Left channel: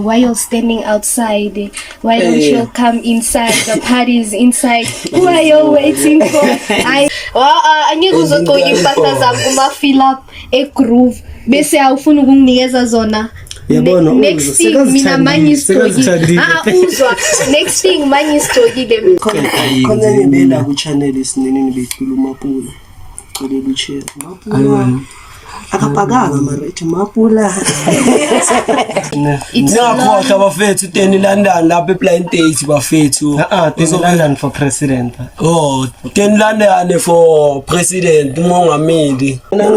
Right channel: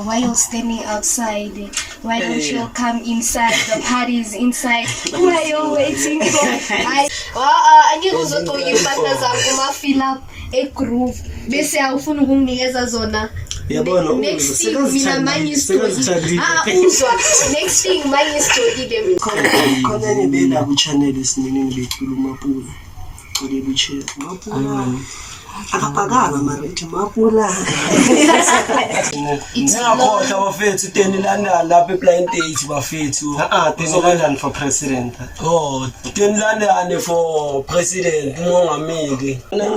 why you're standing outside? Why don't you come inside? The party is inside. Why you waiting for? I knew uzotoka impahla zami uma fill up a groove. Bese awufuna ukunginikeza zona. Next thing mina manje story. Uzwa. Next thing manje story them. Khona ngibela ku channel isinini bekhuluma pula. Cela uche. Mapula. Akapaganga mara ithi mapula. Ngakhohlwa bafethu 10 London lapha ePlain State bafethu. 10 London for president. 10 London for president umongameli. Mina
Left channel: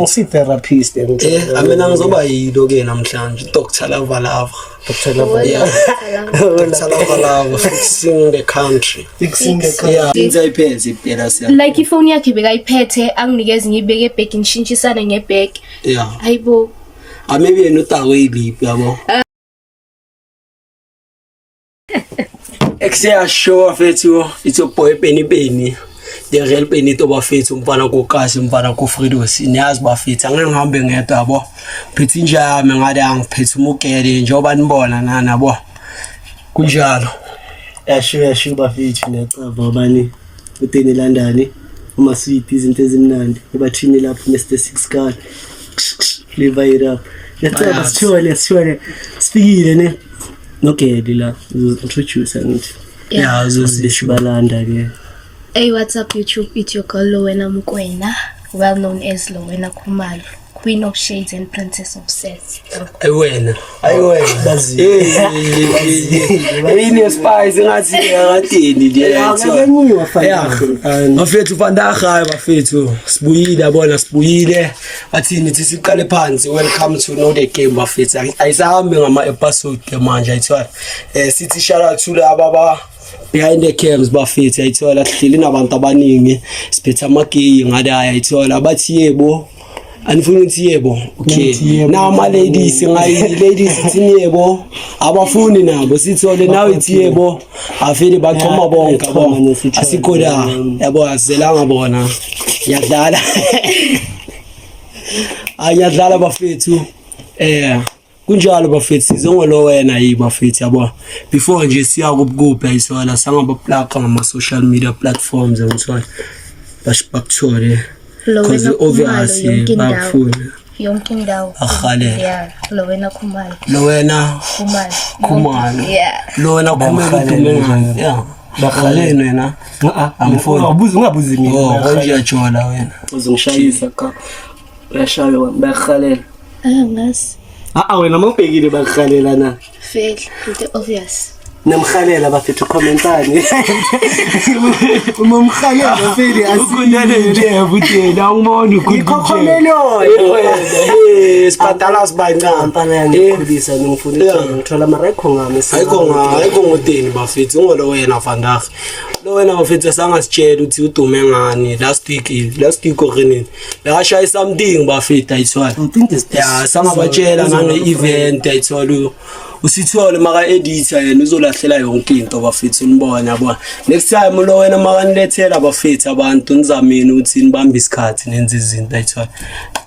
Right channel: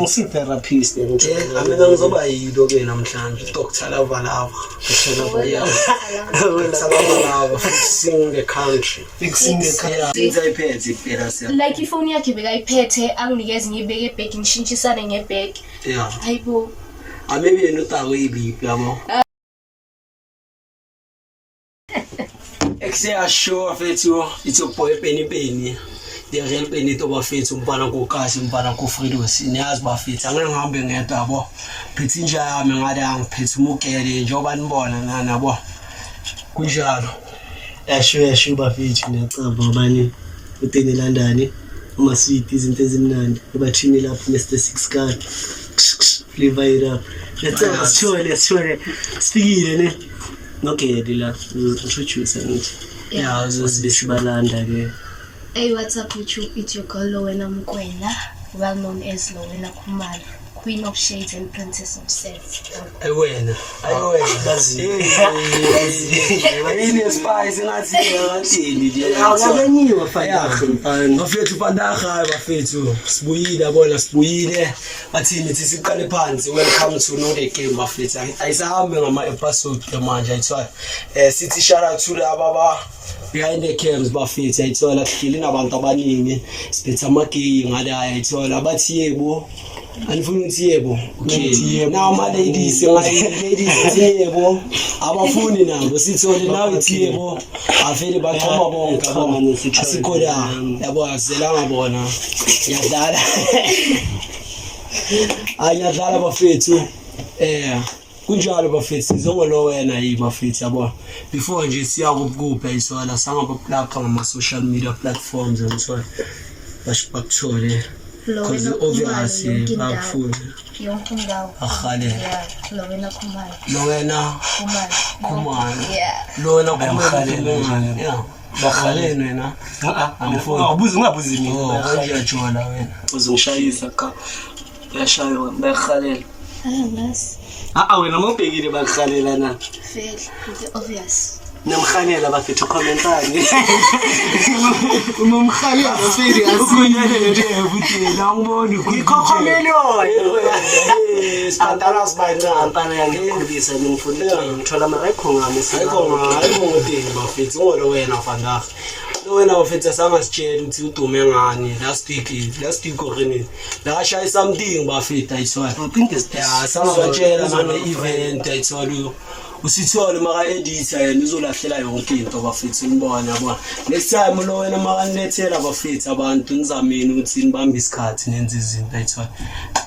ngisi therapist Mina ngizoba yilo ke namhlanje Dr. Lavalava. Dr. Lavalava fixing the country. Ngizayiphethe impela siya. Like ifoni yakhe bekayiphethe anginikeze ngibeke ebag ngishintshisane ngebag. Yeah. Hayibo. Maybe yena utawe iliphi yabo. Exia show fethu it's a boy Penny. The real Penny to bafethu umfana kokasi umfana koFredo siniyazi bafethu angeke ngihambe ngedwa yabo. Phethe njami ngade angiphethe umukele njengoba nibona nabo. Kunjalo. Yasho bafethu necava bani u10 London uma sweet izinto ezimnandi ebathini lapho Mr 6 card. Flavor it up. Let's sure. Speaking ne. Okay, Dila. Introduce and yeah, Balanda ke. Hey, what's up YouTube? It's your girl Lowena Mukwena, well known as Lowena Khumalo, Queen of Shades and Princess of Sets. Ayiwena. Ini spice ngathi ngathini nje. Akaniwa fanele. Bafethu vandaga bafethu. Sibuyile. Bathini thi siqale phansi. Welcome to Know the Game bafethu. Ayisahambe ngama episode ke manje ayithola. Sithi shout out to laba behind the cams bafethu ayithola kuhleli nabantu abaningi. Siphethe amagay ngade ayithola bathi yebo. Anifuna ukuthi yebo. Okay. Now my ladies yebo. Abafuni nabo sithole nawe ithi yebo. Afike bachoma bonke abona asikho la. Yabo azelanga bona. Yadlala. Ayadlala bafethu. Kunjalo bafethu sizongolo wena yibafethu yabo. Before nje siya kubukupha isona sangaba plug ngama social media platforms ngithola. Bashibakthole. Because obviously bafuna yonke indawo. Yeah, Lowena Khumalo. Lowena Khumalo. Yeah. Lowena Khumalo. Yeah. Bakhaleni wena. Amfuni. Ungabuzi mina. Konje yajola wena. Uzongishayisa ka. Uyashaywa bakhalela. Ngasi. Wena mawubhekile bakhalela na. Fail, it's obvious. Namkhalela bafethu commentani. Umamkhalela bafethu asinele nje butela ngibona ikhokhomelo. Sipatala sibayina ampana ngikhulisa ngifuna ngithola amarekho ngami ayikho ngoteni bafethu ngolo wena vandaga. Lo wena bafethu sangasitshela ukuthi udume ngani last week orini. La shaya something bafethu ayithola. Yeah, sangabatshela ngane event ayithola. Usithole maka editor yena uzolahlela yonke into bafethu nibona yabona. Next time lo wena maka nilethela bafethu abantu nizameni ukuthi nibambe isikhathi nenze izinto ayithola.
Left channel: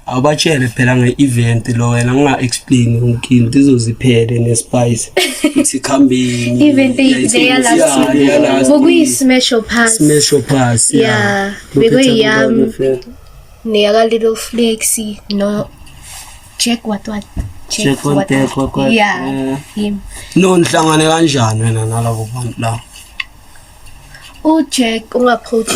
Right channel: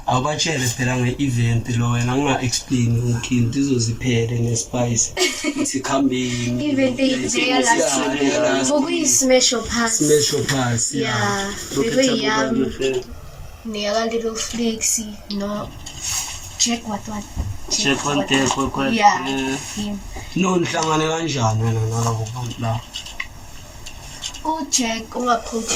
Abatshele phela ngeevent lo wena nga explain yonke into izoziphele nespice. Ithi khambeni. Event they are last. Bokuyi special pass. Yeah. Bekuyi ne little flexi no check what. Check one take what. Yeah. Him. No nhlangane kanjani wena nalabo bantu la? Check ungaapproach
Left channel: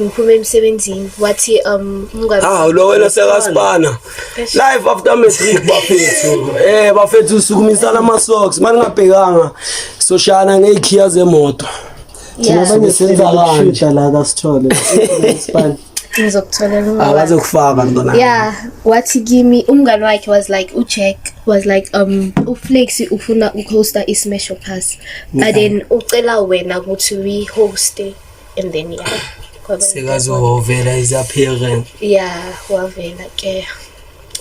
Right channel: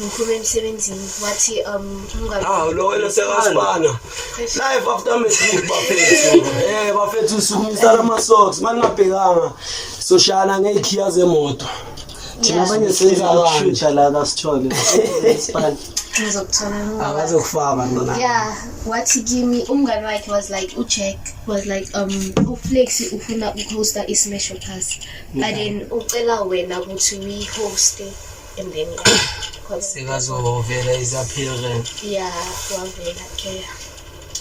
ngiphume emsebenzini wathi ungazi. Lo wena sekasibana. Live after message bafethu. Bafethu usukumisana ama socks maningabhekanga soshana ngeikhiya zemoto. Thina banye senza kanje la kasithole. Span. Ngizokuthola abazokufaka ntona. Yeah, wathi kimi umngani wakhe was like ucheck was like uFlexi ufuna uhosta iSmash Pass. But then ucela wena ukuthi we host and then yeah. Sekazovela izaphere. Yeah, wavela ke.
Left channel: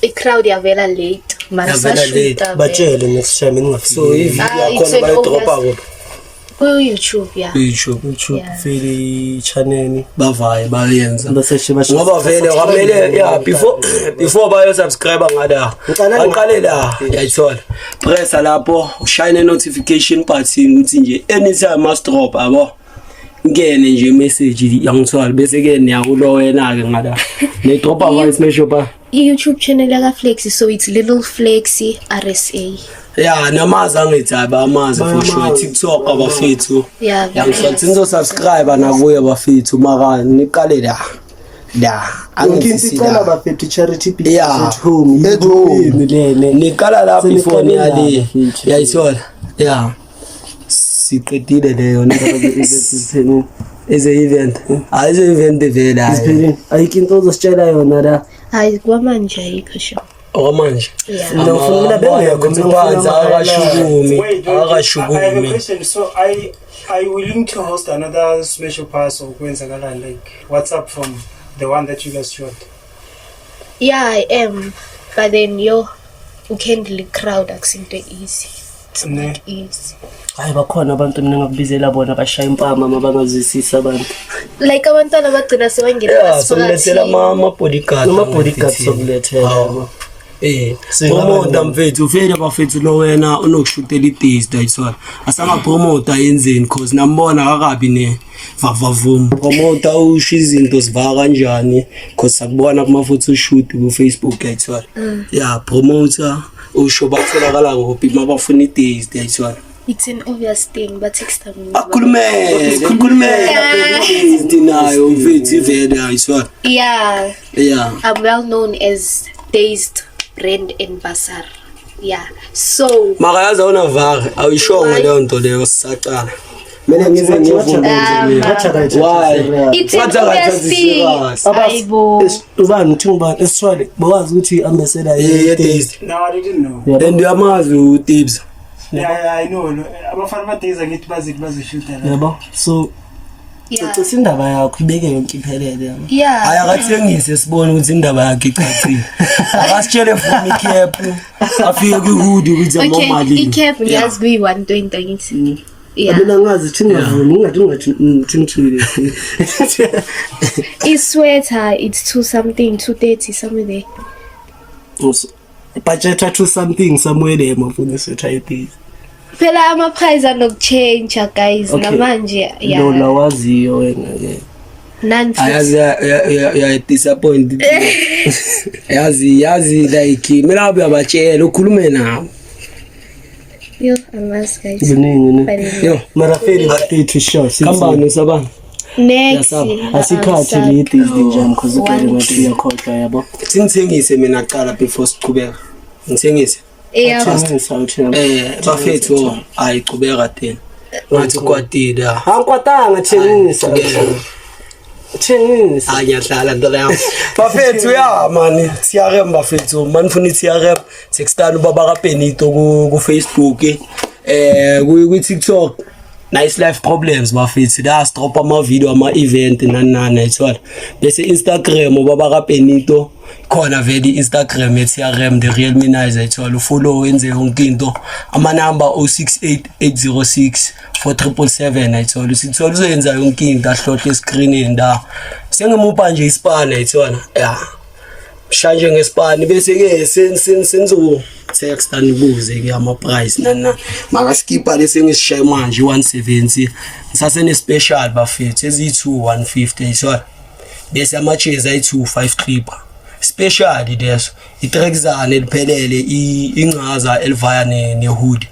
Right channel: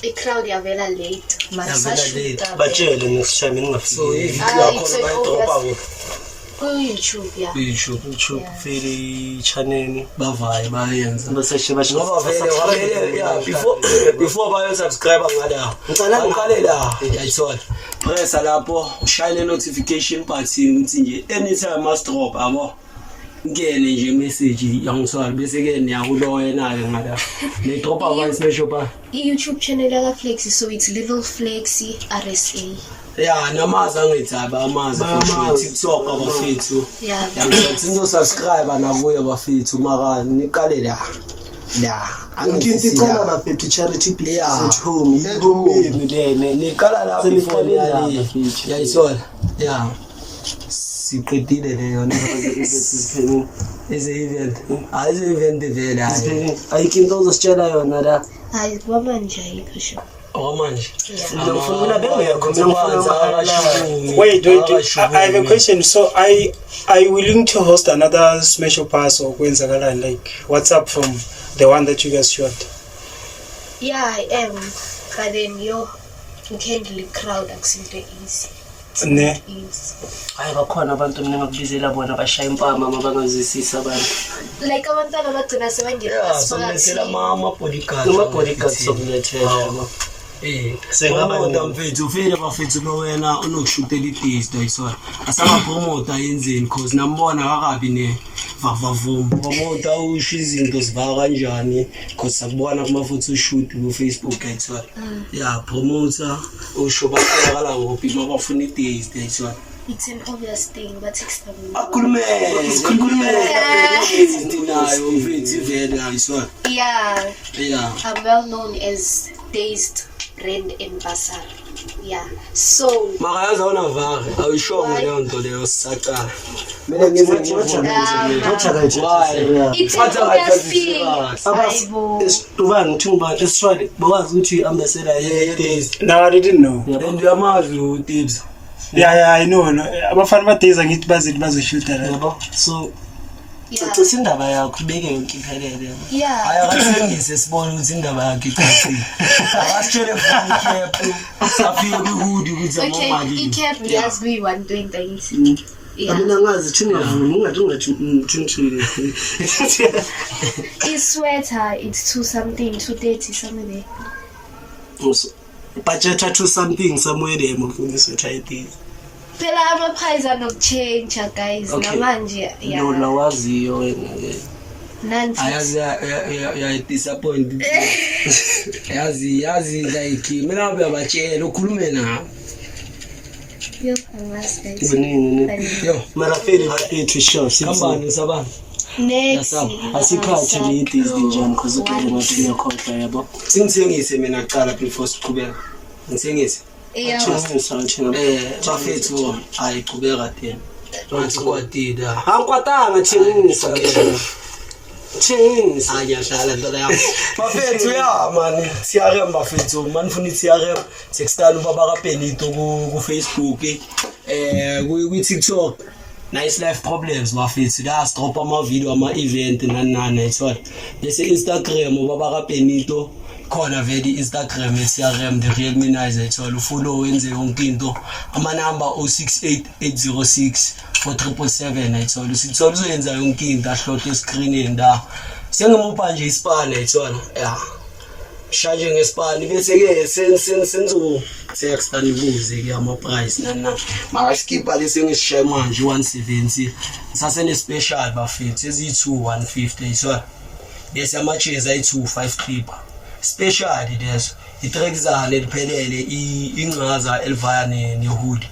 I-crowd yavela late. Yavela late. Batshele nesishaya mina ngafika. So if yakhona bayidropa kuphi? ku-YouTube, yeah. YouTube Yeah. vele channel bavaye bayenza baseshe basho ngoba vele kwamele yeah before bayo subscribe ngala aqale la uyayithola press lapho ushayine notification button ukuthi nje anytime must drop abo ngene nje message yangithwala bese ke niyakulo wena ke ngala ne dropa voice message ba I-YouTube channel yaka Flexi, so it's Little Flexi RSA. yeah namazi angithaba amazi futhi TikTok abafethu Yeah. yangisathi nizosubscribe nakuye abafethu maka niqale la ngicela bafethu charity business Yeah. at home yini lene niqala lapho Seniqale ifoni la, yali bafethu. yayithola yeah siqedile leyo eze event ayize event vele hayi ayikinto uzositshela yona la Hayi kwamanje ayikho sho. okwamanje Yeah. Ngifuna bengekho mina ngifuna akashukumi Wait, I have a question. So, are you willing to host another special pass or Queensagalan? Like, what's up from the one that you guys shot? Yeah, I am. But then you can't really crowd akusinto easy. It's Ne. not easy. hayi bakhona abantu mina ngakubizela bona bashaya impama mabangazwisisa abantu Like abantwana bagcina sebangena yeah solethela ama bodyguard noma bodyguards sokulethela promote mfethu ufike bafethu lo wena unokushutela i-taste ayithola asanga promote ayenzeni cause nambona akakabi ne vavavum promote usho izinto zivaka kanjani cause sakubona kuma futhi ushoot ku Facebook ayithola yeah promoter usho batholakala kuphi mabafuna i-taste ayithola It's an obvious thing, but takes time. akhulumele nayo mfethu ivele ayithola Yeah, yeah I'm well known as Dazed Brand Ambassador. Yeah, so makayazi awunavare awuyishongo leyo nto leyo sisaqala mina ngize Why? it's an What obvious are thing. you Aibo. ubani thumba esitshwale bawazi ukuthi ambassador ye-taste No, I didn't know. and uyamazi utibs Yeah, I know. Abafana badays angithi bazoshoota la. yabo so Yeah, cecisa indaba yakho ibeke yonke iphelele yabo yeah. hayi akathengise sibone ukuthi indaba yakhe icacile akasitshele funa ikhephu afike kwi-hood ukuthi Okay, amamali i-cap ngiyazi kuyi-120 angithi. Yeah. mina ngazi thingavumi ungathi thingithini I-sweater, it's 230, somewhere there. budget to something somewhere there mafundisi uthayiphi Phela ama-price anokuchange guys. Okay. Namanje, no yeah. lawaziyo wena ke ayazi uyayidisappoint yazi like mina uyabatshela ukhulume nabo Yo, amazi guys. kuningi ne But yo mara fail to show kambani usabani next. asikhathi lidi izinjani cause ukele ngathi uyakhohlwa yabo singithengise mina qala before siqhubeka ngithengise Yeah. bafethu ayiqhubeka tena ngathi kwatile angikwatanga thengisa ayahlala ntola yami bafethu ya mani TRM bafethu manifuna i-TRM sekuqala ubaba kaBenito ku Facebook ku TikTok nice life problems bafethu la drop ama video ama event nani ayithola bese Instagram ubaba kaBenito khona vele Instagram ye-TRM the real Minizer ayithola ufollow wenze yonke into ama number 0688064777 ayithola usithola uzoyenza yonke into ahlohle escreenini la sengimupha nje isipane ayithola yeah shanje ngesipane bese ke senzo text anibuze ke ama price nana makaskipa lese ngisishaye manje 170 sasene special bafethu ezi2 150 ayithola bese ama chairs ayi2 clipper special leso itrexane liphelele inqaza elivaya nehood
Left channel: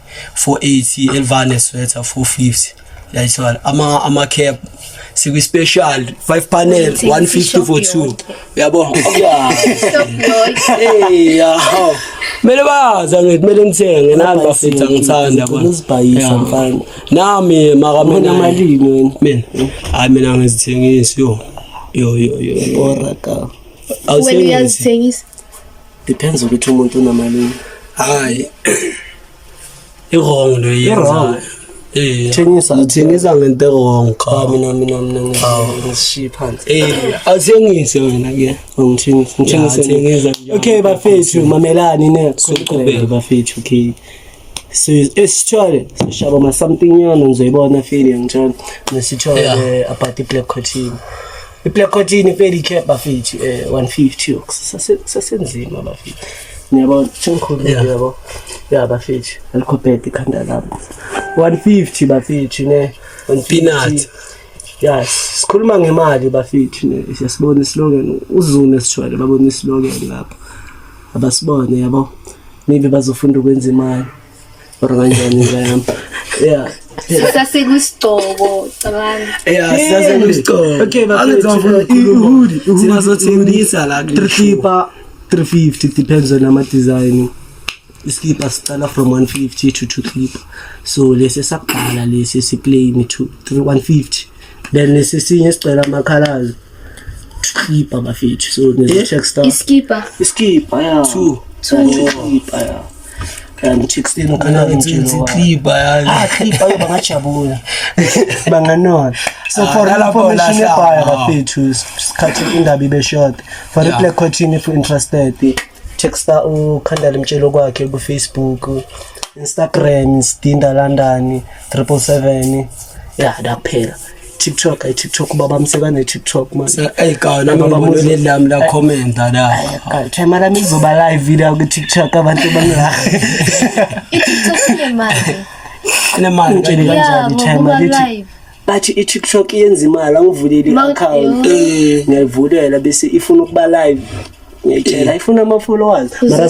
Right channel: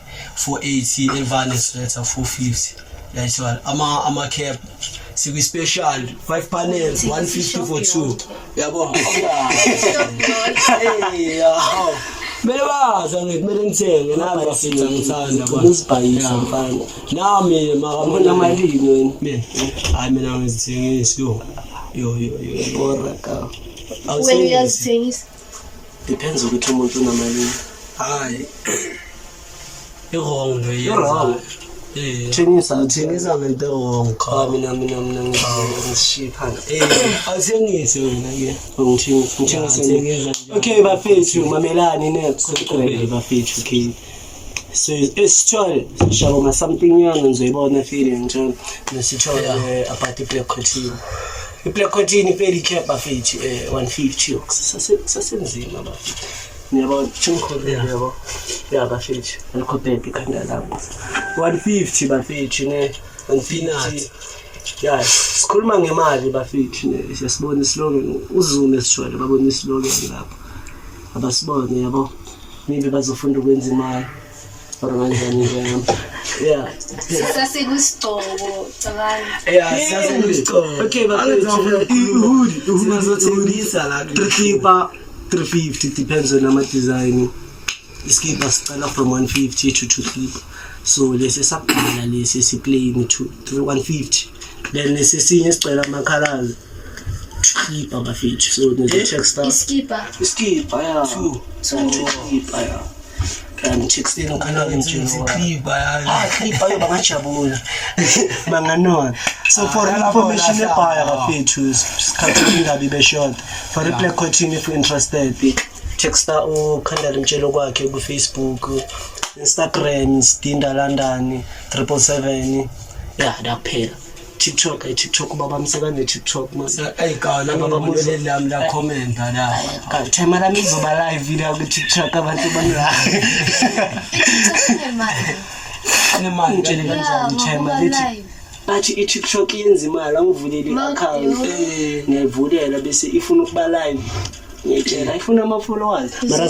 480 elivaya nesweater 450 yayithola ama cap sikwi special 5 panel 150 for 2 yabo yeah mele baza ngithi mele ngithenge nami bafethu ngithanda bona uzibhayisa mfana nami makamona malini mina hayi mina ngizithengisa yo oraka When you are saying is depends ukuthi umuntu unamalini hayi wrong lo yenza thengisa ngithengisa ngento wrong cha mina ngishiya phansi awuthengise wena ke ngithengisa ngithengisa okay bafethu mamelani next bafethu okay So esithwale sishaba ma something yana ngizoyibona feeling njalo nesithwale about i-black cotton. I-black cotton iveli cap bafethi 150 sasenzima bafethi. Ngiyabona chunkhulu yabo. Ya bafethi alikhopeti ikhanda lapho. 150 bafethi ne on peanut. Yes, sikhuluma ngemali bafethi ne siyasibona islogan uzune sithwale babona islogan lapha. Abasibone yabo. Maybe bazofunda ukwenza imali. Kanjani ngiyam. Yeah. Sasekusitoko cabanga. Yeah, sasekusitoko. Okay, bafethi. Sinazothengisa la 350 depends on ama design. Iskipa start from 150 to 250. So lesi saphala lesi siplain to 150. Then lesi sinye sicela ama colors. Skipa bafethi. So nese check star. Iskipa Yeah. 2 Skipa yeah. And 16 kana ngijilo. Clipper bangajabula. Banganona. So for information ebhaya bafethu sikhathi indaba ibe short. For the black cotton if you interested, check star ukhandala imtshelo kwakhe ku Facebook, Instagram Stinda London 777. Yeah, daphela. TikTok baba msekane TikTok man. Ayikana baba mudle lami la comment la. Time la mizoba live video ku TikTok abantu banga. Nemali Ngitshela kanjani time lithi. Bathi i-TikTok yenza imali angivuleli i-account. Ngiyayivulela bese ifuna ukuba live. Ngiyatshela ifuna ama-followers. Mara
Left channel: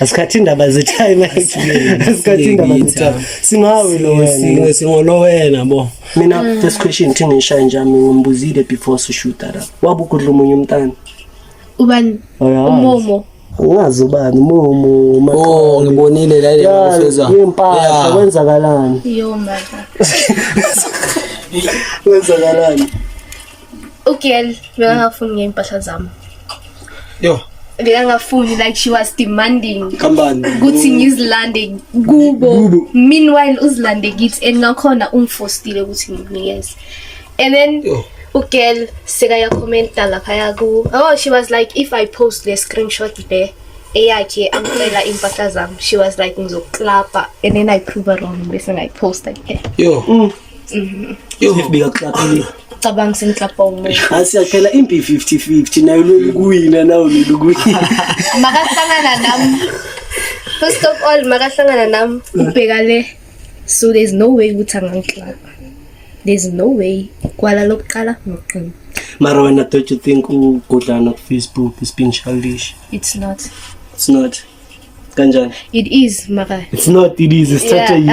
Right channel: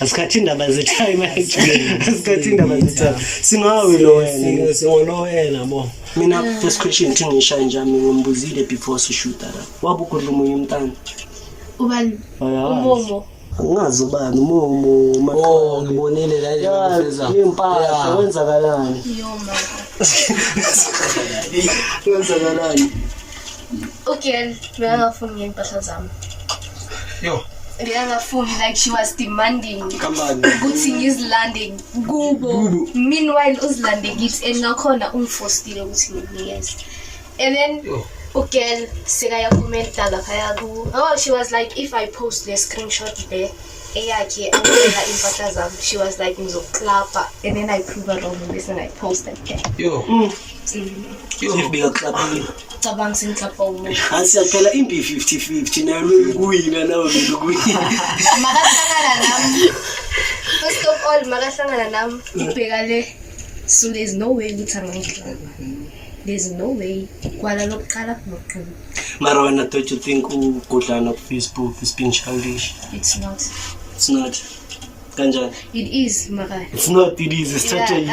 asikhathi indaba ze-time actually. Asikhathi indaba ze-time. Singawe lo wena. Singolo wena bo. Mina first question thi ngisha njani ngimbuzile before shoot ara. Wabukudla umunye umntana. Ubani? Umomo. Ungazi ubani umomo makho. Ngibonile la ile ngifeza. Impahla kwenzakalani? Yo mama. Kwenzakalani? Okay, ngiyafuna ngempahla zami. Yo. Ngiyangafuni like she was demanding. Kambani. Ukuthi ngizilande kubo. Meanwhile uzilande kithi engakhona umfostile ukuthi ngikunikeze. And then girl sekaya commenta lapha yaku. Oh, she was like if I post the screenshot there eyakhe angela impahla zami. She was like ngizoklapa and then I prove her wrong bese I post like yo. Yo ngifika klapha. Cabang sinklapa umuntu. Asiyaphela impi 50-50 nayo lokuwina nawo lokuwina. Makahlangana nami. First of all makahlangana nami ubhekale. So there's no way ukuthi angiklapa. There's no way kwala lokuqala noqina. Mara wena don't you think ugodlana ku Facebook is being childish? It's not. Kanjani? It is mara. It is strategy.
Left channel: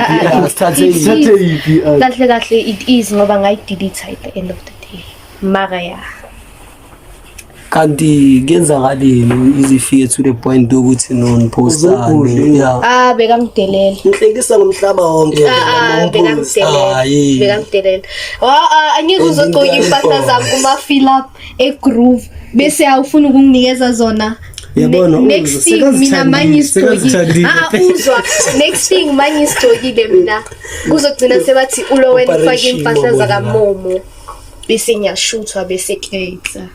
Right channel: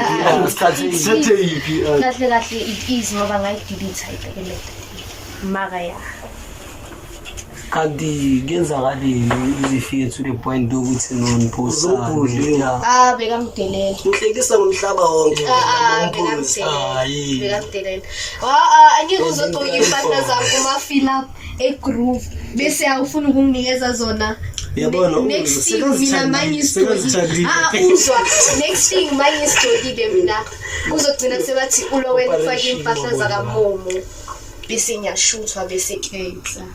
Strategy. Kahle it is ngoba ngayidelete at the end of the day. Mara ya. Kanti kenzakaleni izifike to the point ukuthi nonipostana. Bekamdelele. Ngihlekisa ngomhlaba wonke. Bekamdelele. Angike uzogqoka impahla zami kuma fill up e-groove bese awufuna ukunginikeza zona. Next thing mina manje story. Uzwa. Next thing manje story mina. Uzogcina sebathi ulo wena ufake impahla zakamomo. Bese ngiyashuthwa bese khetha.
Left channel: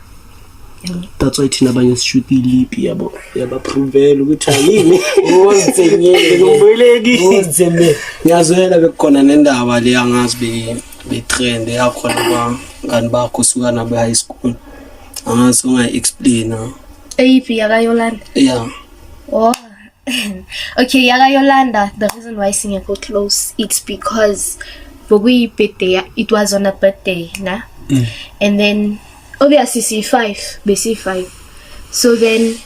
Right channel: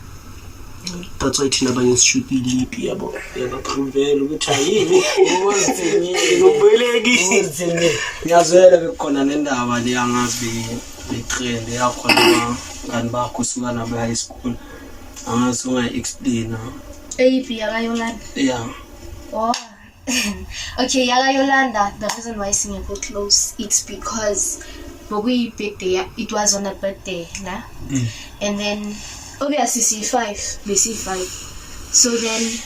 That's why thina abanye sishoot ilip yabo yabapruvela ukuthi ayimi uzenye ngomboleki ngiyazwela bekukhona nendaba le yangazi be trend yakhona ngani bakho suka nabo high school angazi ungayi-explain Eyiphi yakayolanda? Yeah. Oh. Okay, yakayolanda, the reason why Singapore close, it's because we birthday, it was on a birthday, nah? And then obviously C5. So then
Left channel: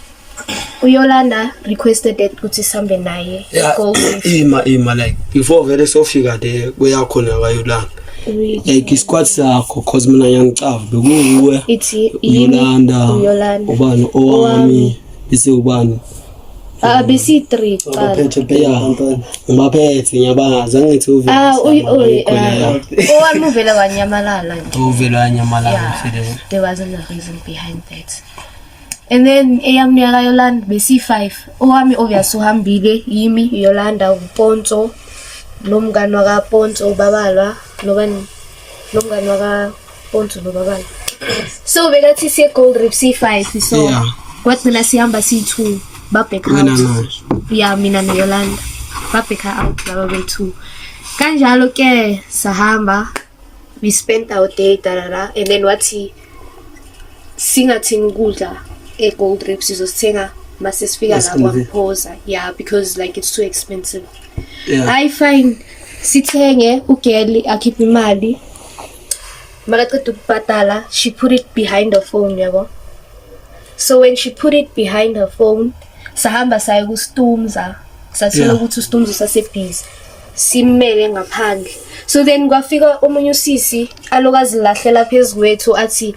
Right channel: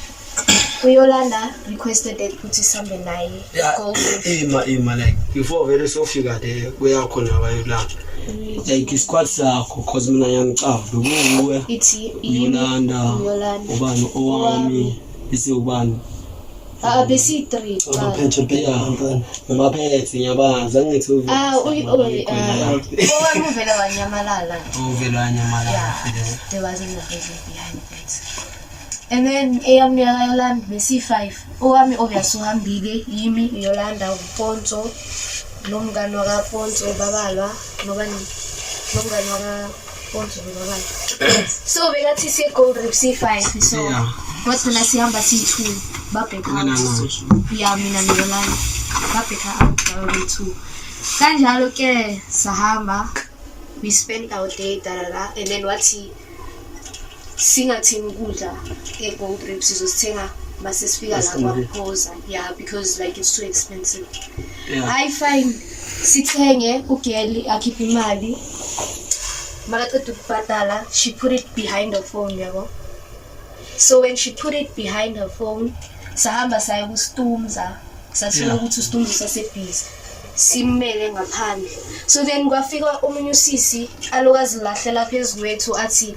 Yolanda requested that ukuthi sambe naye. Ima like before vele sofika there kuyakhona kayolanda. Like isquad sakho cause mina ngiyangicava bekuwe. It's Yolanda. Ubani owami bese ubani. Bese 3 abaphethe ngibaphethe ngiyabazi angithi uvela. Owami uvela wanyamalala. Uvela wanyamalala. There wasn't a reason behind that. And then eyami yakayolanda bese 5. Owami obviously uhambile yimi Yolanda uPonto nomngani waka Ponto ubabalwa nomngani waka Ponto nobabalwa. So bekathi siye Gold Reef C5 so kwathi mina sihamba C2 babheka house. Yeah mina noYolanda. babheka out laba bethu. Kanjalo ke sahamba, we spent our day and then wathi singathini ukudla eGold Reef sizosithenga mase sifika la kwaPhoza. Yeah, because like it's too expensive. I find sithenge ugeli akhipha imali. Makaqeda ukubhatala, she put it behind her phone, yabo. So when she put it behind her phone, sahamba saya kuStumza. Sathola ukuthi uStumza usasebhizi. Simele ngaphandle. So then kwafika omunye usisi alokazi lahlela phezulu kwethu athi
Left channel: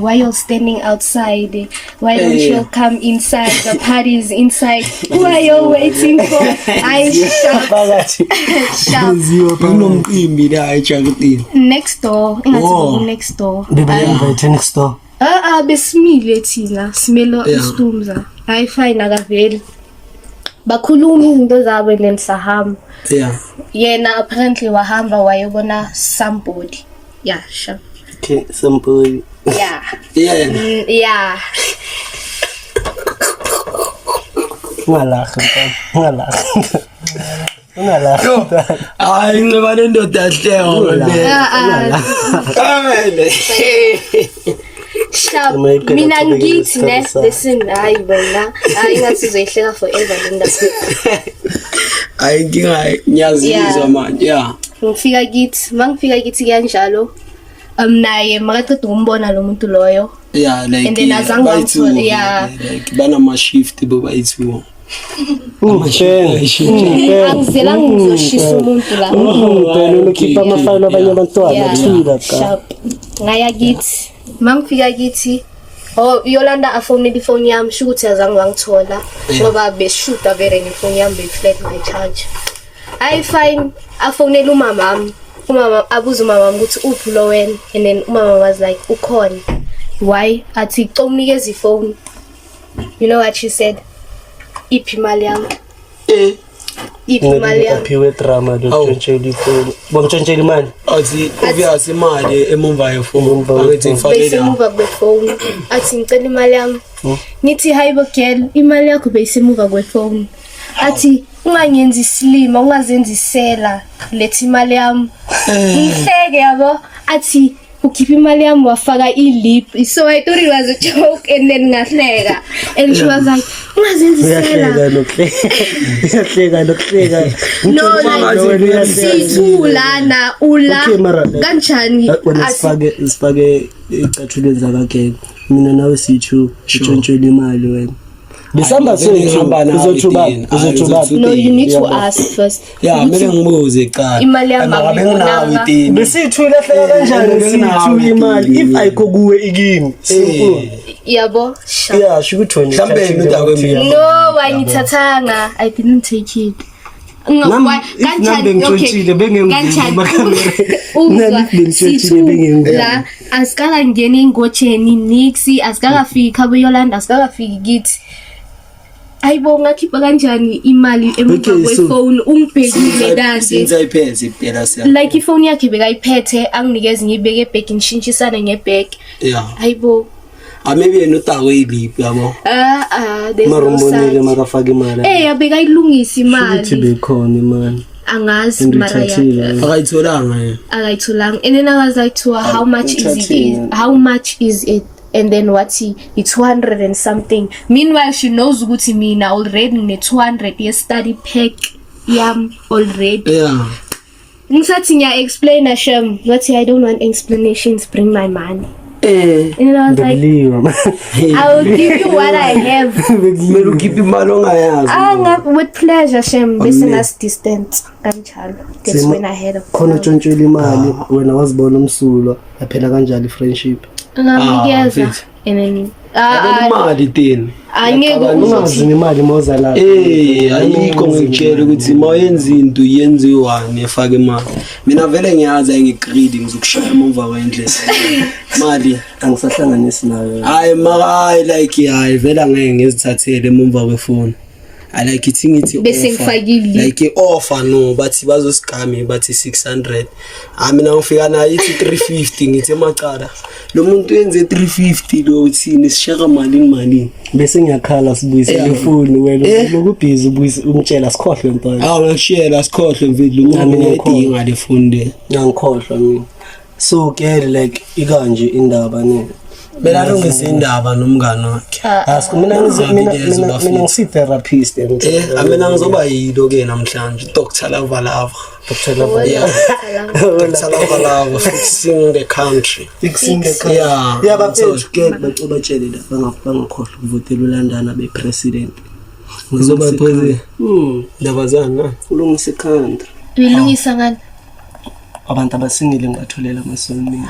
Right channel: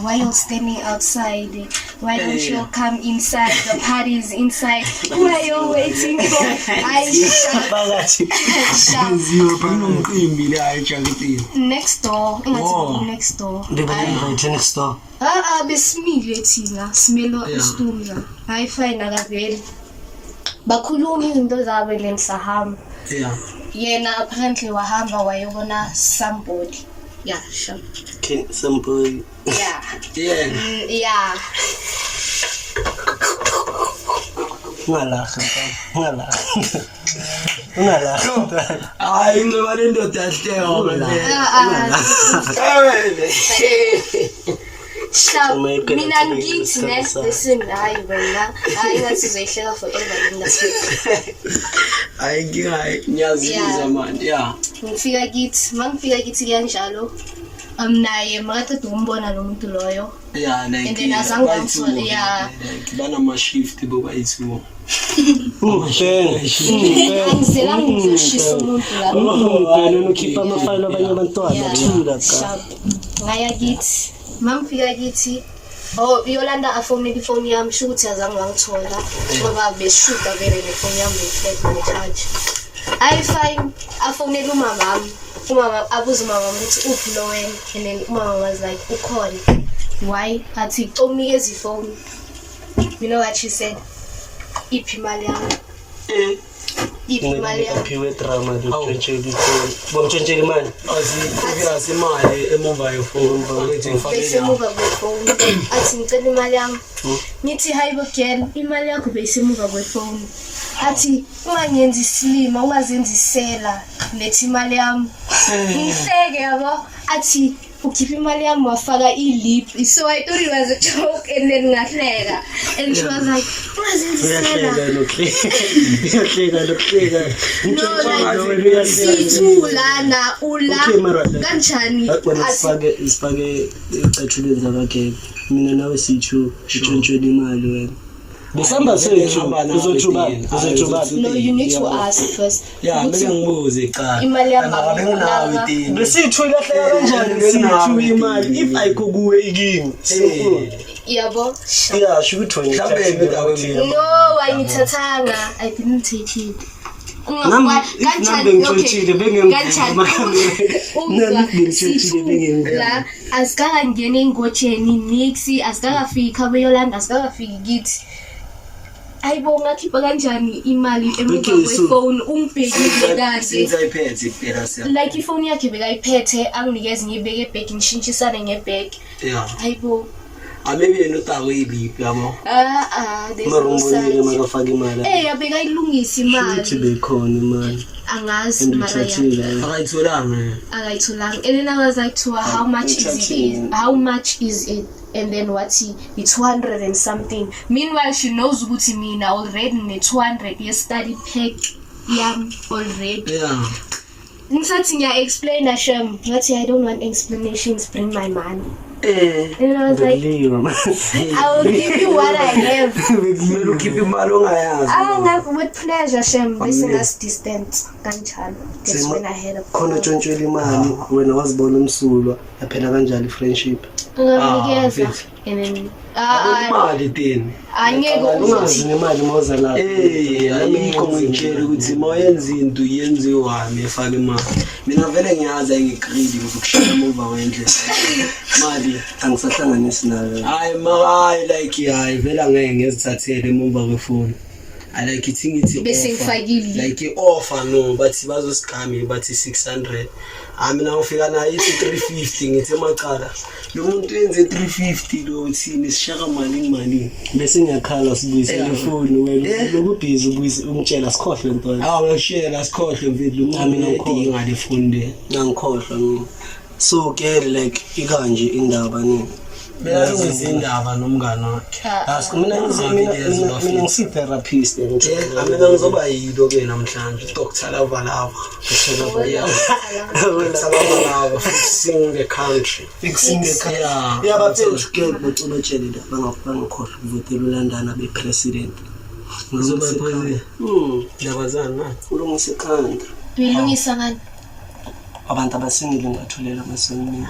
why you standing outside, why don't you come inside, the party is inside, who are you waiting for? I shout kunomcimbi la eJaketini next door, ingathi next door. Did they invite next door? Besimile thina simelo uStumza. I find akaveli bakhuluma izinto zabo lensahamba. Yena apparently wahamba wayobona somebody. Yeah, sure. Okay, somebody. Yeah. Yeah. Ngalaha. Hayi ngibane ndoda hleko Sharp. Mina ngithi ne listen hayi bona ngathi uzoyihleka forever indaba. Hayi ngiyazizwa manje ngifika kithi mangifika kithi kanjalo naye makaqeda ukumbona lo muntu loyo like and then azangamthola like banama shift bobayithu angizela ngizoshisa umuntu la ukhipha amafayilo abanye abantwana thula cha ngaya kithi mangifika kithi Yolanda afonele ifoni yami shukuthi azange wangithola ngoba beshuta vele ngefoni yami beflat my charge. I find afonele umama abuza umama ukuthi uphi lo wena and then umama was like ukhona. Why? Athi unikeza ifoni. You know what she said? Iphi imali yami. Imali yami. Aphiwe drama dontshela ifoni. Bomtshela imali. Athi obvious imali emumva yefoni abethi ngifakela. Besemuva kwefoni. Athi ngicela imali yami. Nithi hayibo girl, imali yakho besemuva kwefoni. Athi unganyenza islima, ungazenza isela, lethi imali yami. Ngihleke yabo. Athi ukhipha imali yami wafaka ilip. So I thought it was a joke and then ngahleka. And she was like, ungazenza isela. Yahleka. No, like sithulana ula kanjani asifake icathulweni zakhe. Mina nawe sithu untshontshelwe imali wena. Besamba sethu uzothuba. No, you need to ask first. Yeah, mina ngibuze eqala. Imali yami ngabe itini. Besithu ilahleka kanjani sithu imali if ayikho kuwe ikini. Yabo. Yeah, shukuthola. Mhlambe indawo emini. No, wayithathanga. I didn't take it. Kanjani la asikala ngene ingotsheni nixi asikakafika beYolanda asikakafiki kithi ayibonga khipha kanjani imali emuva kwefoni ungibhekile kanti since ayiphethe iphela siya like ifoni yakhe bekayiphethe anginikeza ngibeke ebag ngishintshisane ngebag ayibo maybe yena utawe ilip yabo marumboneke makafaka imali abekayilungisa imali uthi bekhona imali angazi mara akayitholanga and then I was like to her, how much is it and then it's 200 and something. Meanwhile she knows ukuthi mina already ne 200 ye study pack yam already ngisathi ngiya explain Hashem ngathi I don't want explanations, bring my money. And I was like, I will give you what I have. Kumele ukhiphe imali ongayazi. With pleasure, Shem. Business distance. Kanjalo. That's when I had a call. Khona ntshontshelwe imali wena wazibona umsulwa yaphela kanjalo friendship. Ngamnikeza. And then imali tini. Ungazi imali moza la. Ayikho ngitshela ukuthi mayenza into yenziwani efake imali. Mina vele ngiyazi ngigreedy ngizokushaya emuva kwendlela. Mali angisahlanganisi nawe. Hayi like hayi vela ngeke ngizithathele emuva kwefoni. I like it bese ngifakile like offer no bathi bazoscam bathi 600 mina ngifika na ithi 350 ngithi emaqala lo muntu yenze 350 lo uthini sishaka mali bese ngiyakhala sibuyisele ifoni wena lokubhizi ubuyise umtshela sikhohle intwana ngishela sikhohle mfethu mina ngidinga le phone ngangikhohlwa mina so ke like ikanje indaba ne bela lungisa indaba nomngane wakhe mina ngisi-therapist mina ngizoba yilo ke namhlanje Dr. Lava fixing the country yeah bafethu ke batshele la bangikhohlwa ukuvotela ulandana bepresident ngizoba president labazana ulungisa ikhanda uyilungisa ngani abantu abasingile ngatholela amasonini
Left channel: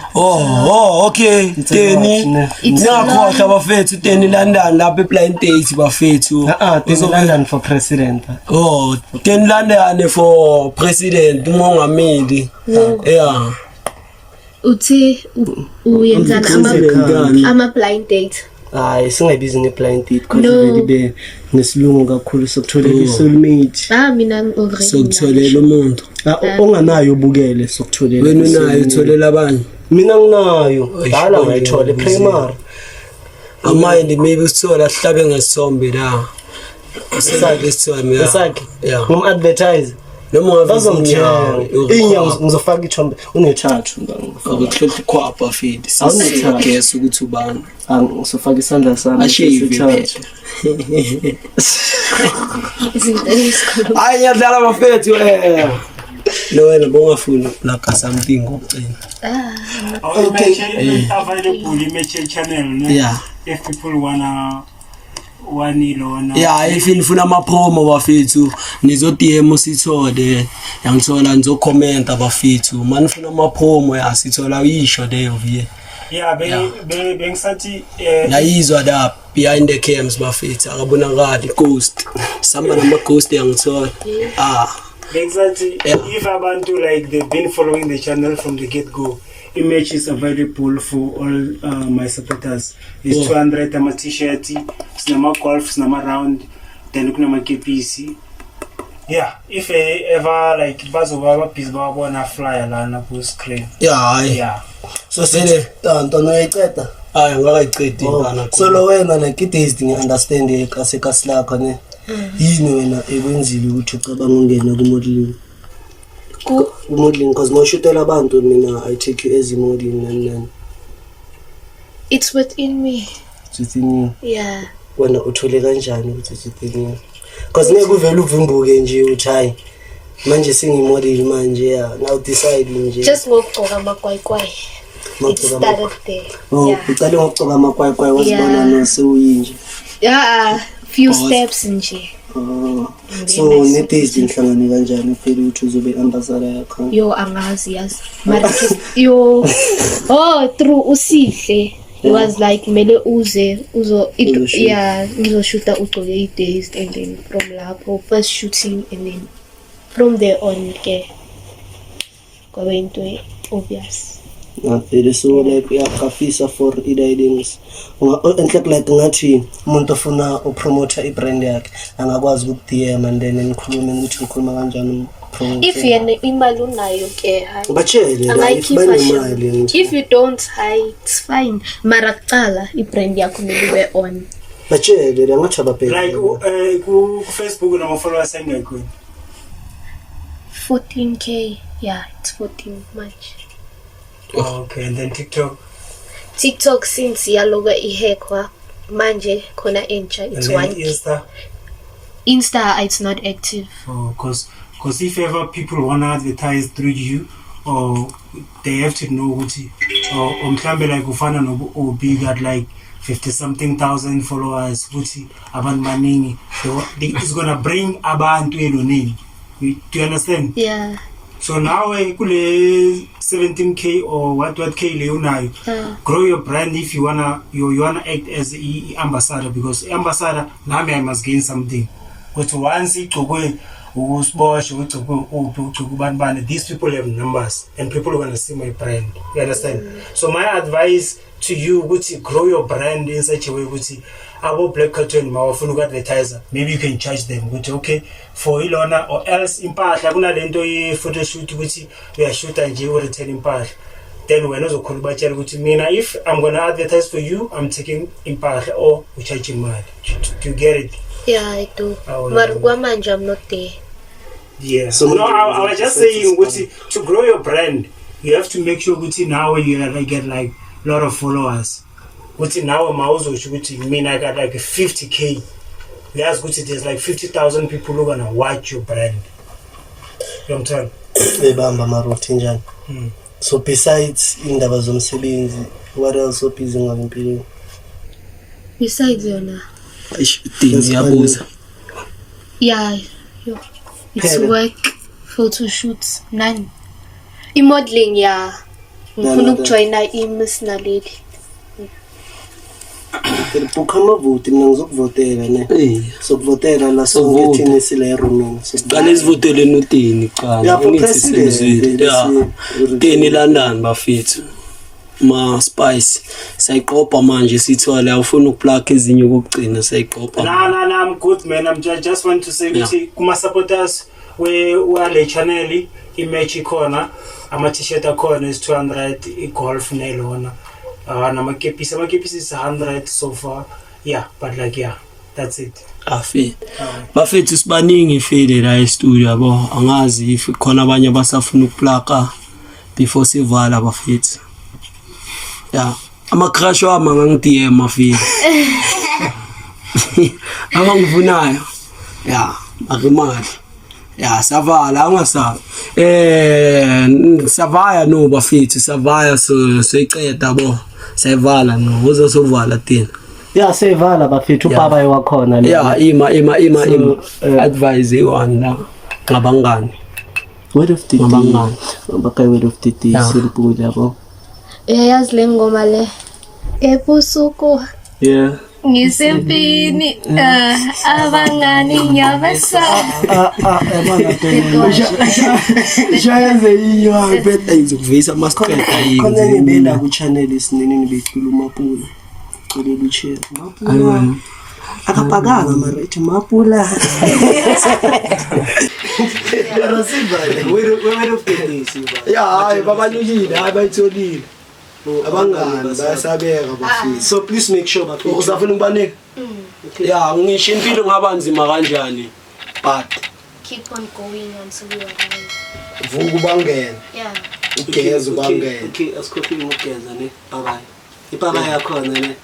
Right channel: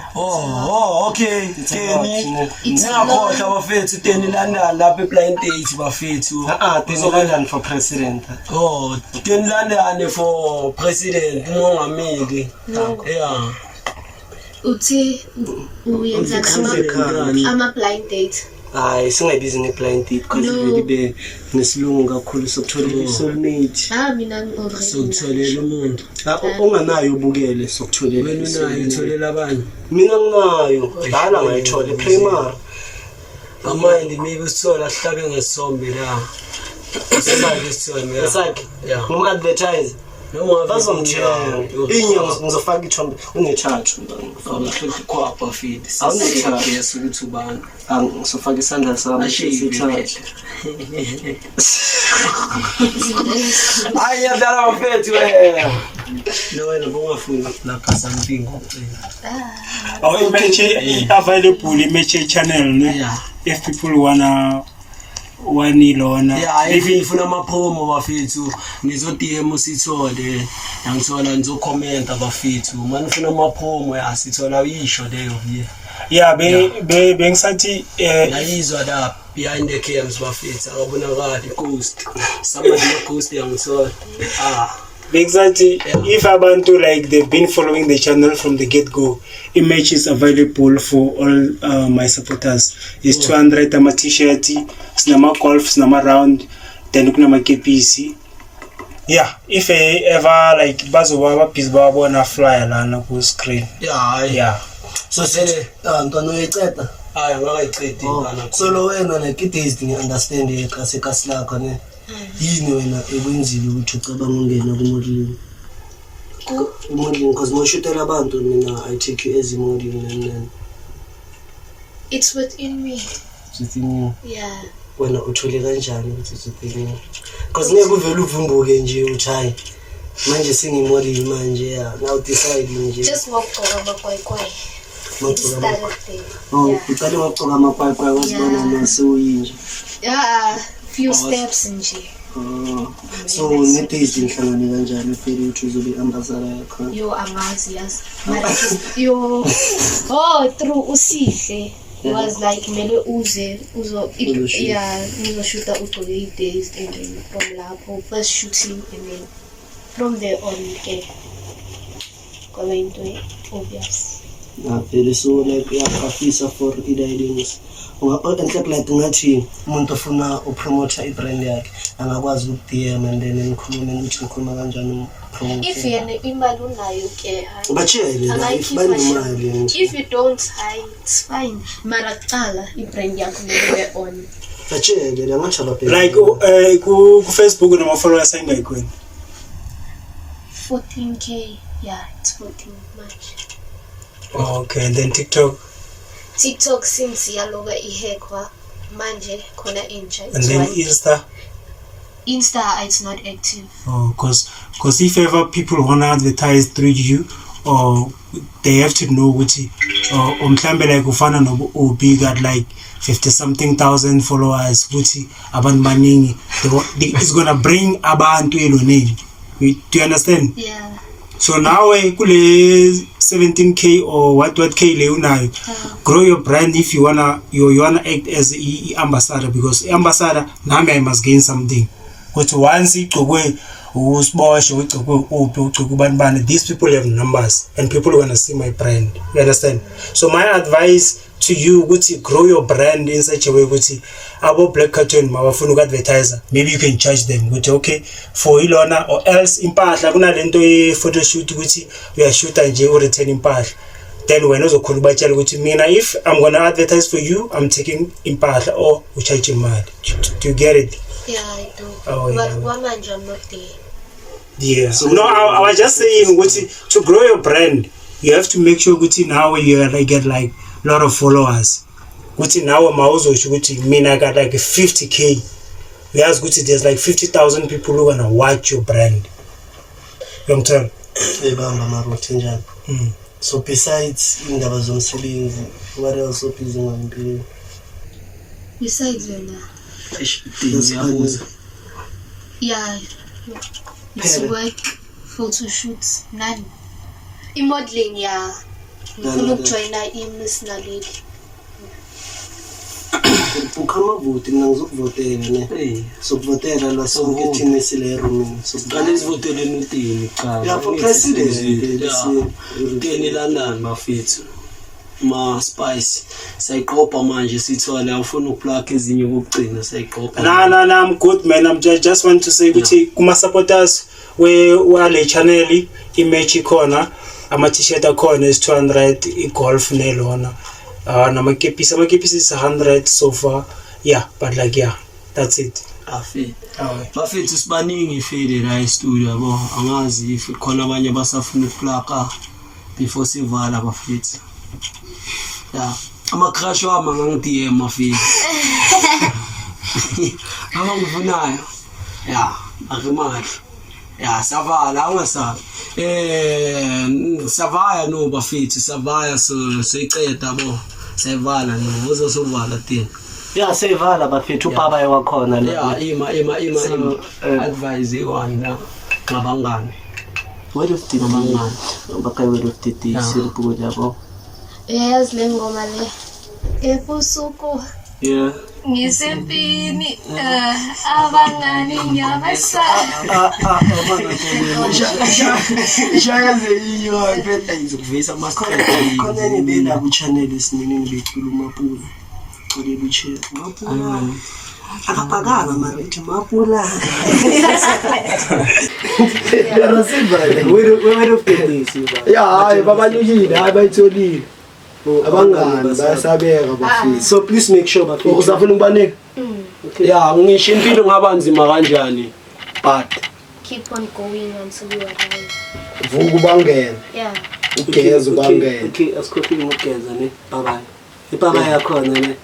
okay teni ngiyakhohlwa bafethu teni London lapha ePlain Date bafethu teni London for president teni London for president umongameli yeah uthi uyenza ama blind date hayi singabizi nge-blind date because vele nesilungu kakhulu sokutholela isoulmate mina already sokutholela umuntu onganayo ubukele sokutholela wena unayo utholela abanye mina nginayo dala ngayithola primary amanye maybe usithola sihlabe ngesombe la usakhe sithola mina esakhe advertise noma bazomtshela ngizofaka ithombe une-charge ngifaka ikhwapha fidi awune-charge ukuthi ubani ngizofaka isandla sami ashayivele hayi yadala bafethu no wena bongafuna like something ngocela okay available image channel no yeah if people wanna wanilona yeah if nifuna ama promo bafethu nizo DM sithole yangithola nizo comment abafethu manifuna ama promo yasithola isho leyo vie yeah bengisathi layizwa la behind the cams bafethu akabonakali ghost somebody the ghost yangithola exactly if abantu like they've been following the channel from the get-go, image is available for all my supporters. It's 200 ama t-shirt, sinama golf, sinama round, then kunama KPC. Yeah, if ever like bazoba piece babo na flyer lana ku screen. Yeah. So sele ntono yiceda ngakayiqedi ngana. So lo wena like it ngi understand ikase lakho ne. Yini wena ekwenzile ukuthi ucabanga ungena ku-modeling because mawushutela abantu mina I take you as a modeling and it's within me. It's within you. Yeah. Wena uthole kanjani ukuthi it's within you? Because ngeke uvele uvumbuke nje uthi hayi manje singimodel manje now decide nje. Just ngokugcoka amakwayikwayi. It started there. Uqale ngokugcoka amakwayikwayi wasibona nosewuyinje. Few steps nje. So ne-taste inhlangane kanjani phela ukuthi uzobe ambassador yakho? Yo angazi yazi. Yo through usihle. It was like mele uzo ngizoshoota ugcoke i-days and then from lapho first shooting and then from there on ke kwaba into obvious. Vele so like uyafafisa for i-guidance enhle like ngathi umuntu ofuna upromote i-brand yakhe angakwazi uku-DM and then nikhulume ukuthi nikhuluma kanjani if yena imali unayo ke ubatshele imali if you don't it's fine mara kucala i-brand yakho nokube on batshele langathi ababheke like ku Facebook noma followers ayingekho 14k yeah it's 14 much. Okay, and then TikTok since yaloga ihekwa manje khona entsha it's and then Insta it's not active. Cause if ever people want to advertise through you or they have to know ukuthi umhlambe like ufana no big at like 50 something thousand followers ukuthi abantu baningi it's going to bring abantu eloneni. Do you understand? Yeah. So now kule 17k or what k le unayo grow your brand if you wanna act as ambassador because ambassador nami I must gain something ukuthi once igcokwe usiboshe ugcokwe ugcokwe bantu these people have numbers and people are going to see my brand, you understand? So my advice to you ukuthi grow your brand in such a way ukuthi abo Black Cartoon mawafuna uku-advertiser, maybe you can charge them ukuthi okay for ilona, or else impahla kunalento ye-photoshoot ukuthi uyashoota nje u-return impahla, then wena uzokhona ubatshela ukuthi mina if I'm gonna advertise for you, I'm taking impahla or ucharge imali. Do you get it? Yeah, I do. Oh, But yeah. kwamanje I'm not there. Yeah. So no, I was just saying ukuthi to grow your brand, you have to make sure ukuthi now you get like a lot of followers. Ukuthi now mawuzosho ukuthi mina I got like 50k. Uyazi ukuthi there's like 50,000 people who gonna watch your brand. You understand? ebamba amarothi njani. So besides indaba zomsebenzi, what else ophize ngayo empilweni? Besides yona. Ngiyabuza. Yeah. It's Phela. work, photo shoots, none. I-modeling, yeah. Ngifuna ukujoyina i-Miss Naledi. Ukhama vote mina ngizokuvotela ne. Sokuvotela la sonke thina sile eromini. Qale sivotele notini Yeah, for president. Teni London bafethu. Ma Spice sayiqopha manje sithwale awufuna ukuplug ezinye ukugcina sayiqopha. No, I'm good man. I'm just want to say ukuthi kuma supporters we channel i-match ikhona, ama t-shirt akhona is 200, i-golf nelona. Amakepisi is 100 so far. Yeah, but like yeah, that's it. Afet. Bafethu sibaningi ifile la e-studio yabo. Angazi if khona abanye basafuna ukuplaka before sivala bafethu. Yeah. Ama crush wami angangidm afile. Angangivunayo. Yeah, akimali. Yeah, savala angasabi. Savaya no bafethu, savaya so iceda bo. Sayivala no, uzosovala thina. Yeah, sevala bafethu ubaba wakhona le. Yeah, ima advise one la ngabangani. Word of the Ngabangani. Baka word of the day simple yabo. Yazi le ngoma le. Ebusuku Yeah. ngisempini abangani nyabasa. Jayenze iyo iphethe izokuvisa masicela Khona nebela ku channel isinini becula uMapula. Cela uche. Mapula. Akapaganga mara Mapula. Word of the day siba. yeah hayi babanyukile hayi bayitholile Abangani bayasabeka bafethu. So please make sure bafethu. uzafuna ukubanika yeah ngisho impilo ngabanzima kanjani but Keep on going until you arrive. vuka ubangene Yeah. ugeza ubangene Okay, asikhophile ngokugeza ne. Bye bye. Ibaba yakhona ne.